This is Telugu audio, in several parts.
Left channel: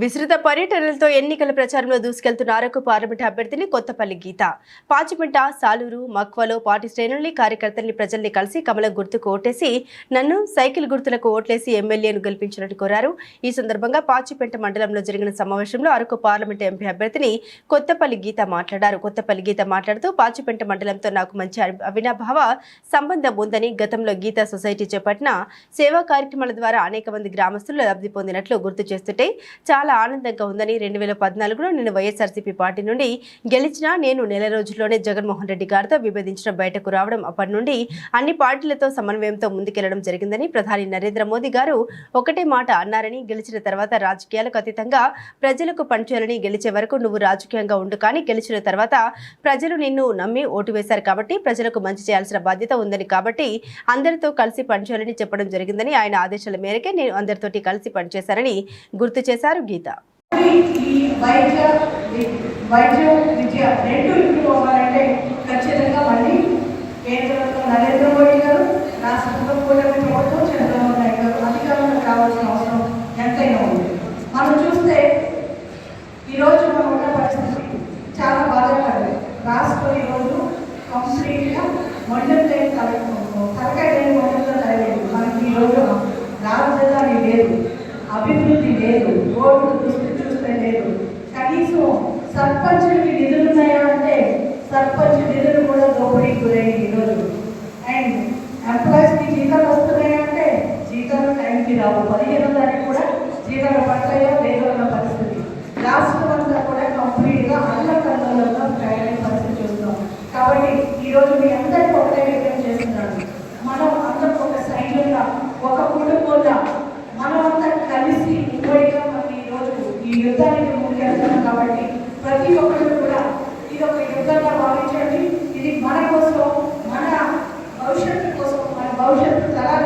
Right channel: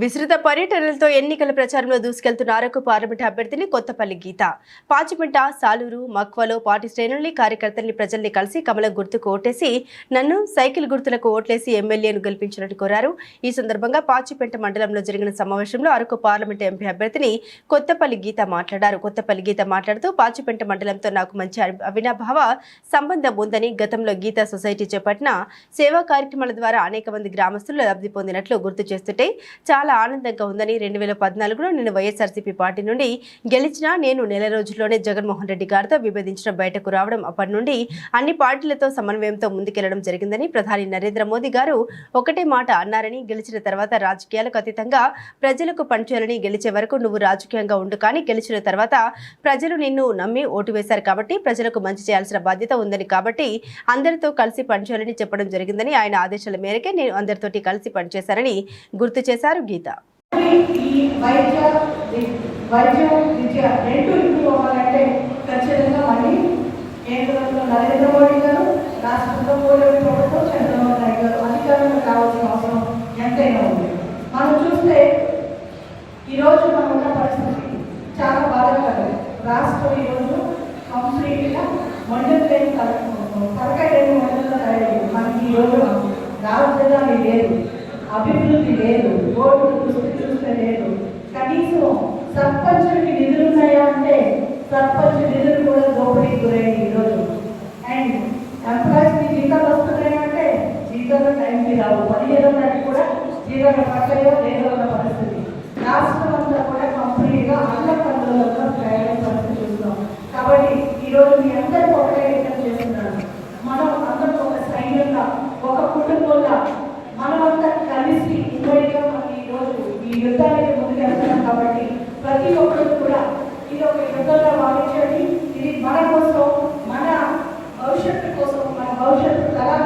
విస్తృత పర్యటనలతో ఎన్నికల ప్రచారంలో దూసుకెళ్తున్న అరకు పార్లమెంట్ అభ్యర్థిని కొత్తపల్లి గీత. పాచిపెంట సాలూరు మక్వలో పార్టీ శ్రేణుల్ని కార్యకర్తల్ని ప్రజల్ని కలిసి కమలం గుర్తుకు ఓటేసి నన్ను సైకిల్ గుర్తులకు ఓట్లేసి ఎమ్మెల్యేను గెలిపించినట్టు కోరారు. ఈ సందర్భంగా పాచిపెంట మండలంలో జరిగిన సమావేశంలో అరకు పార్లమెంట్ ఎంపీ అభ్యర్థిని కొత్తపల్లి గీత మాట్లాడారు. కొత్తపల్లి గీత మాట్లాడుతూ పాచిపెంట మండలంతో నాకు మంచి అవినాభావ సంబంధం ఉందని గతంలో గీత సొసైటీ చేపట్టిన సేవా కార్యక్రమాల ద్వారా అనేక మంది గ్రామస్తులు లబ్ధి పొందినట్లు గుర్తు చేస్తుంటే చాలా ఆనందంగా ఉందని రెండు వేల పద్నాలుగులో నేను వైఎస్ఆర్సీపీ పార్టీ నుండి గెలిచినా నేను నెల రోజుల్లోనే జగన్మోహన్ రెడ్డి గారితో విభేదించిన బయటకు రావడం అప్పటి నుండి అన్ని పార్టీలతో సమన్వయంతో ముందుకెళ్ళడం జరిగిందని ప్రధాని నరేంద్ర మోదీ గారు ఒకటే మాట అన్నారని గెలిచిన తర్వాత రాజకీయాలకు అతీతంగా ప్రజలకు పనిచేయాలని గెలిచే వరకు నువ్వు రాజకీయంగా ఉండు కానీ గెలిచిన తర్వాత ప్రజలు నిన్ను నమ్మి ఓటు వేశారు కాబట్టి ప్రజలకు మంచి చేయాల్సిన బాధ్యత ఉందని కాబట్టి అందరితో కలిసి పనిచేయాలని చెప్పడం జరిగిందని ఆయన ఆదేశాల మేరకే నేను అందరితోటి కలిసి పనిచేశారని గుర్తు చేశారు గీత. విద్య రెండు ఖచ్చితంగా నరేంద్ర మోడీ గారు రాష్ట్రంలో ప్రభుత్వం చంద్రబాబు నాయుడు గారు అధికారంలో కావాల్సిన అవసరం ఎంతైనా ఉంది. మనం చూస్తే ఈరోజు మనం ఉన్న పరిస్థితి చాలా బాధాకరం రాష్ట్రం ఈరోజు కంప్లీట్గా మండలి లేని తలకాయ లేని మండలిలో తయారైంది మనకి ఈరోజు రాజధాని లేదు అభివృద్ధి లేదు రోడ్డు చూస్తే చూస్తే లేదు కనీసం సర్పంచులకి నిధులు ఉన్నాయా అంటే సర్పంచ్ నిధులు కూడా దోపిడీకి గురైంది ఈరోజు అండ్ ఎంప్లాయీస్కి జీతాలు వస్తున్నాయా అంటే జీతాలు టైంకి రావు పదిహేనో తారీఖు కూడా జీతాలు పడతాయో లేదో అన్న పరిస్థితి. రాష్ట్రం అంతా కూడా కంప్లీట్గా అల్లకల్లలో తయారైన పరిస్థితి చూస్తున్నాం. కాబట్టి ఈరోజు మీ అందరూ ఒకటే వ్యక్తం చేస్తున్నాను మనం అందరం ఒక సైన్యంగా ఒక కుటుంబంగా మనం అంతా కలిసి ఇప్పటిగా మనం ఈరోజు ఈ యుద్ధానికి ముందుకెళ్తాం కాబట్టి ప్రతి ఒక్కరు కూడా ఇది ఒక యుద్ధంగా భావించండి. ఇది మన కోసం మన భవిష్యత్తు కోసం మన భవిష్యత్తు తరాల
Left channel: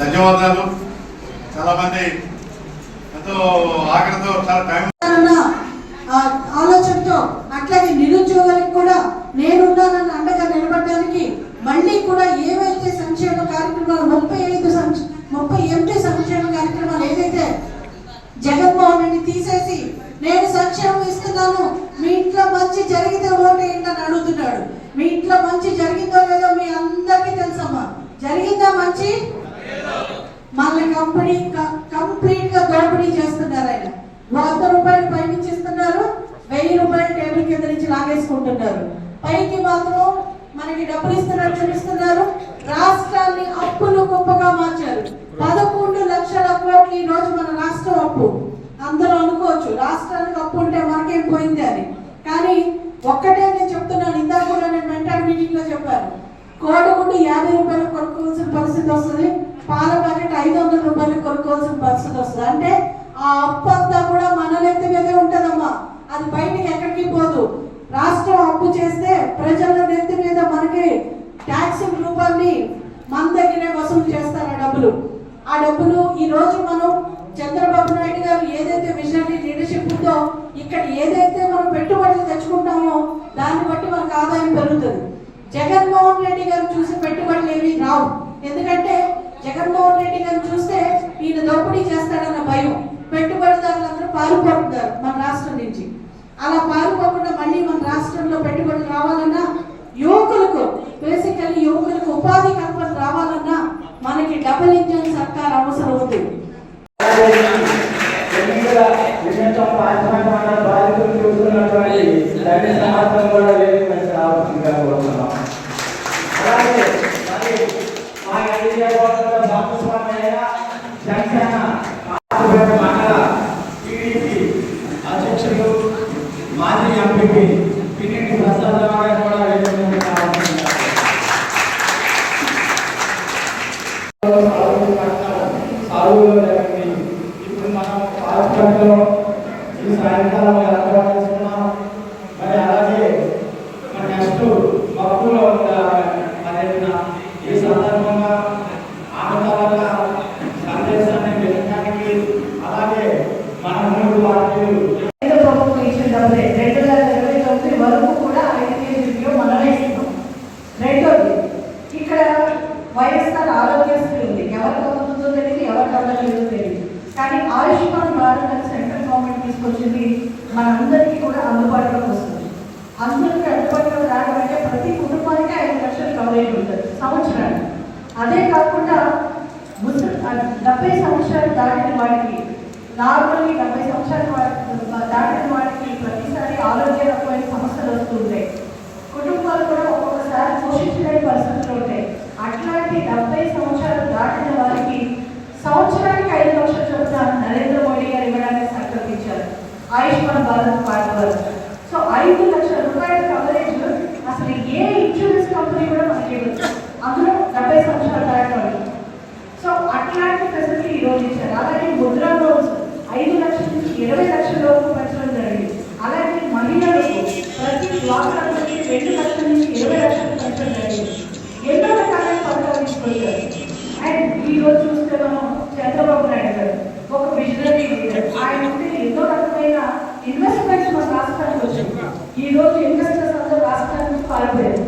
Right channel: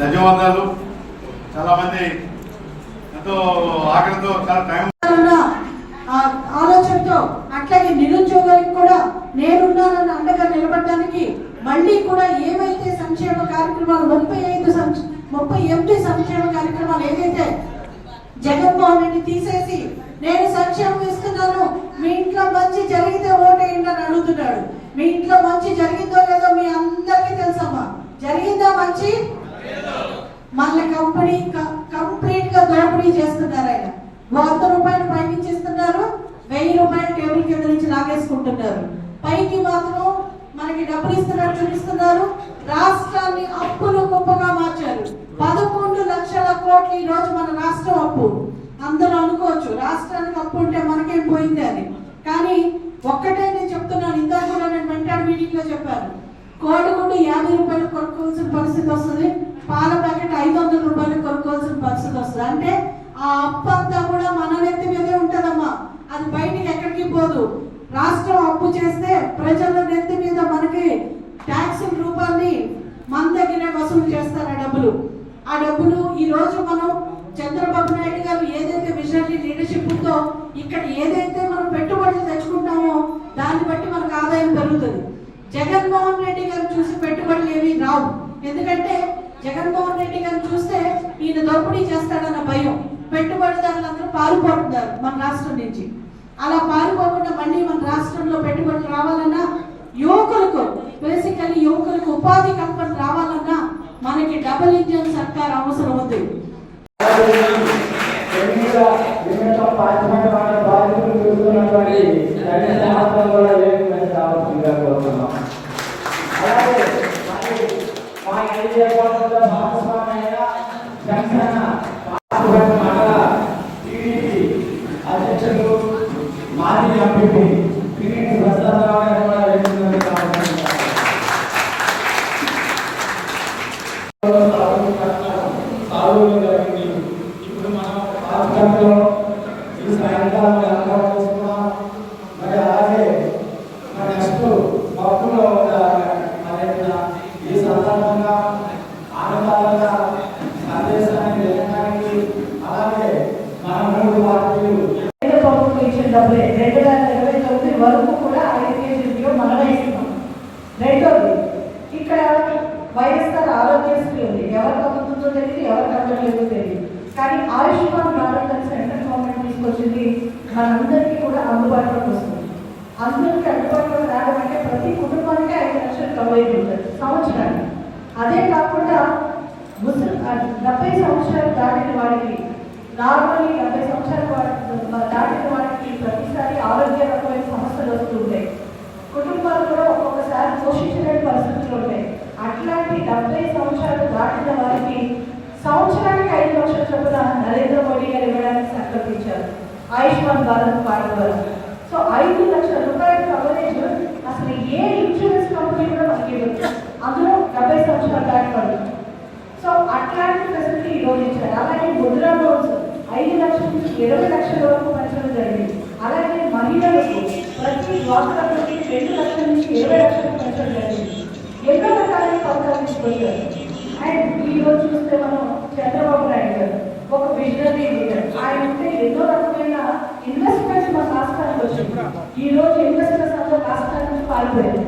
ధన్యవాదాలు. చాలా మంది ఎంతో ఆకలితో చాలా టైం ఆలోచనతో అట్లాగే నిరుద్యోగులకు కూడా నేనున్నానన్న అండగా నిలబడడానికి మళ్ళీ కూడా ఏవైతే సంక్షేమ కార్యక్రమాలు ముప్పై ఐదు ముప్పై ఎనిమిది సంక్షేమ కార్యక్రమాలు ఏదైతే జగన్మోహన్ రెడ్డి తీసేసి నేను సంక్షేమం ఇస్తున్నాను మీ ఇంట్లో మంచి జరిగితే ఓటేయండి అని అడుగుతున్నాడు. మీ ఇంట్లో మంచి జరిగిందో లేదో మీ అందరికీ తెలుసమ్మా. జరిగిందా మంచి? మళ్ళీ కంపెనీ కంప్లీట్గా దోపిడీ చేస్తున్నారు ఆయన. వంద రూపాయలు పైనుంచి ఇస్తున్నారు వెయ్యి రూపాయలు టేబుల్ కింద నుంచి లాగేసుకుంటున్నారు. పైకి మాత్రం మనకి డబ్బులు ఇస్తున్నారు చూపిస్తున్నారు. రాష్ట్రాన్ని అప్పులు గొప్పగా మార్చారు. పదకొండు లక్షల కోట్లు ఈ రోజు మన రాష్ట్రం అప్పు. అందరూ అనుకోవచ్చు రాష్ట్రానికి అప్పు ఉంటే మనకేం పోయింది అని. కానీ ఒక్కటే నేను చెప్తున్నాను ఇందాక కూడా నేను మెంటార్ మీటింగ్లో చెప్పాను. కోడిగుడ్డు యాభై రూపాయలు కొనుక్కోవాల్సిన పరిస్థితి వస్తుంది. పాల ప్యాకెట్ ఐదు వందల రూపాయలు కొనుక్కోవాల్సిన పరిస్థితి వస్తుంది. అంటే ఆ అప్పు అంతా కూడా మన నెత్తి మీదే ఉంటుందమ్మా. అది బయటికి ఎక్కడికి పోదు. రాష్ట్రం అప్పు చేస్తే ప్రజల నెత్తి మీద మనకి ట్యాక్స్ రూపాన్ని మన దగ్గరే వసూలు చేస్తారు ఆ డబ్బులు. ఆ డబ్బులు ఈ రోజు మనం చంద్రబాబు నాయుడు గారు ఏదైతే విజనరీ లీడర్షిప్ ఉందో ఇక్కడ ఏదైతే మనం పెట్టుబడులు తెచ్చుకుంటామో దాన్ని బట్టి మనకు ఆదాయం పెరుగుతుంది. జగన్మోహన్ రెడ్డి గారు చూసి పెట్టుబడులు ఏమీ రావు. ఎందుకంటే జగన్మోహన్ రెడ్డి గారు చూస్తే ఈయన దోపిడీ చేస్తాడన్న భయం పెట్టుబడిదారులందరూ పారిపోతున్నారు మన రాష్ట్రం నుంచి. అలా పారిపోకుండా మళ్ళీ మన రాష్ట్రంలో పెట్టుబడులు రావాలన్నా యువకులకు బేసికల్లీ యువకులకు ఉపాధి కల్పన రావాలన్నా మనకి డబుల్ ఇంజన్ నార్మల్లీ డెబ్బై సంవత్సరాల వాడి- దాటిన వాడికి ఇరవై లక్షల వరకు పెంచడం జరిగింది. అలాగే మహిళలకు ప్రతి డ్వాక్రా రెండు లక్షల నుంచి ఇరవై లక్షలు పెంచడం జరిగింది. ఎన్నో రకాలైన పథకాలు తీసుకొచ్చారు అండ్ ఈరోజు చూస్తే మనం చంద్రబాబు నాయుడు గారు ఒక విజనరీ లీడర్. ఆయన ఉంటే ఎన్నో రకమైన ఇన్వెస్ట్మెంట్స్ మన రాష్ట్రానికి వచ్చింది. ఈరోజు ఇన్వెస్టర్స్ అందరూ రాష్ట్రానికి పాల్పోయారు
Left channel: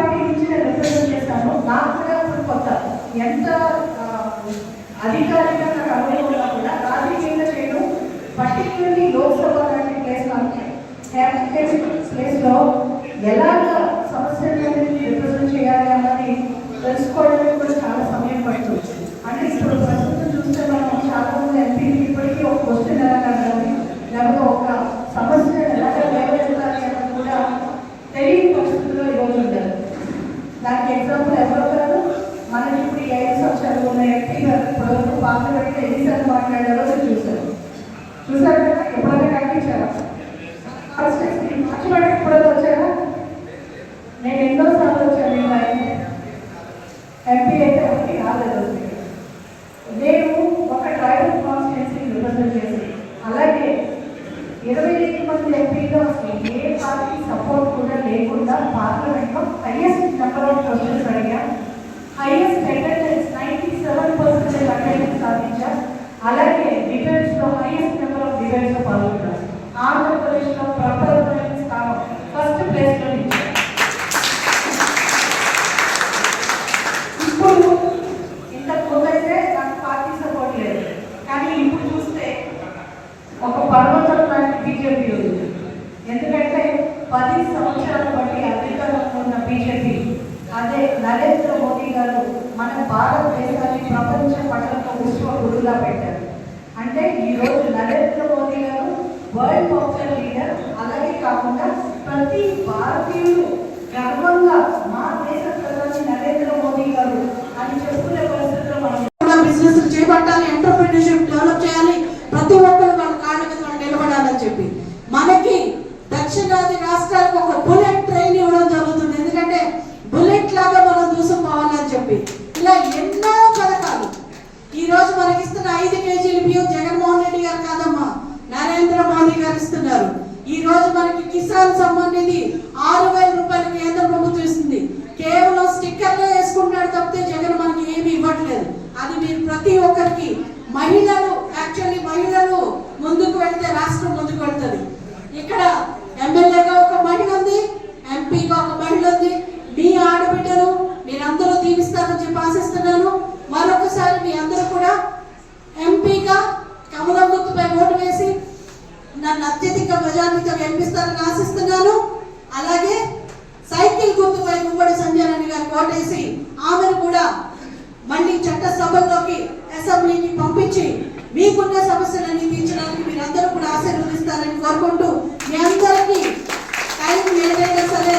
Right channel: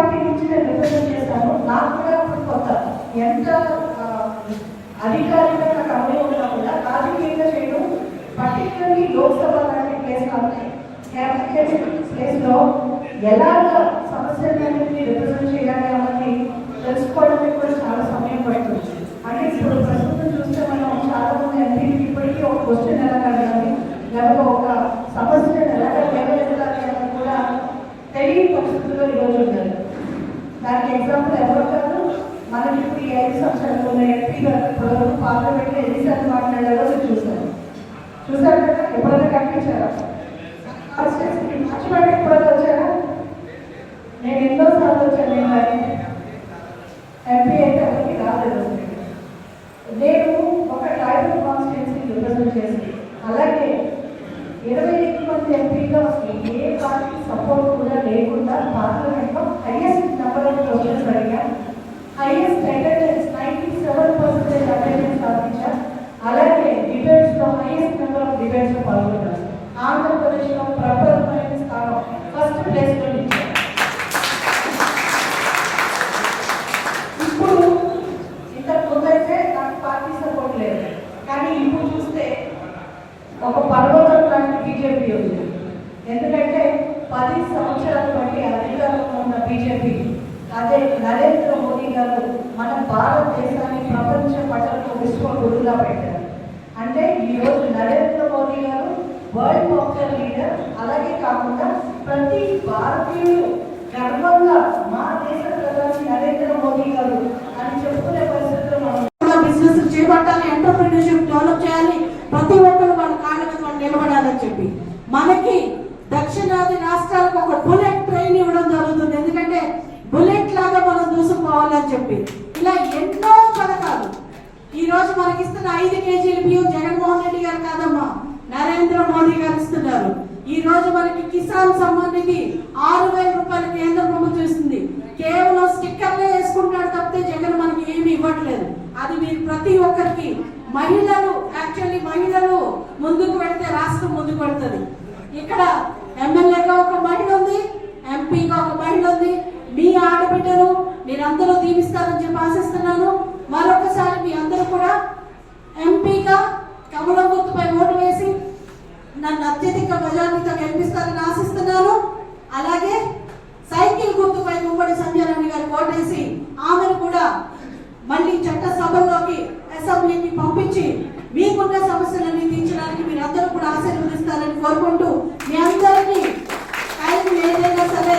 పార్టీ నుంచి నేను రిప్రజెంట్ చేశాను. నాకు కూడా ఇప్పుడు కొత్త ఎంత అధికారిగా నాకు అనుభవం కాకుండా రాజకీయంగా నేను పర్టికులర్లీ లోక్సభ లాంటి ప్లేస్ ప్లేస్లో ఎలాగ प्रति भारतीय गर्व కిసాన్ సమ్మాన్ నిధి ఆరు వేల రూపాయలు కేంద్ర ప్రభుత్వం ఇస్తుంది. కేవలం స్టిక్కర్లే వేసుకుంటాడు తప్పితే జగన్ మనకి ఏమి ఇవ్వట్లేదు. అది మీరు ప్రతి ఒక్కరికి మహిళలు యాక్చువల్లీ మహిళలు ముందుకు వెళ్తే రాష్ట్రం ముందుకు వెళ్తుంది. ఇక్కడ ఎమ్మెల్యేగా ఒక మహిళ ఉంది ఎంపీగా ఒక మహిళ ఉంది. మీ ఆడబిడ్డను మీరందరూ దీవిస్తారని చెప్పి ఆశిస్తున్నాను. మరొకసారి మీ అందరూ కూడా ఎంపీగా అత్యధిక మెజార్టీతో గెలిపిస్తారని ఆశిస్తున్నాను. అలాగే సైకిల్ గుర్తుపై ముమ్మడి సంజయ్ గారు ఓటేసి ఆమెను కూడా మళ్ళీ చట్టసభలోకి అసెంబ్లీకి పంపించి మీకున్న సమస్యలన్నీ తీర్చడానికి మీరందరూ కూడా ఆశీర్వదిస్తారని కోరుకుంటూ మీ అందరికీ టైం ఏదైనా సరే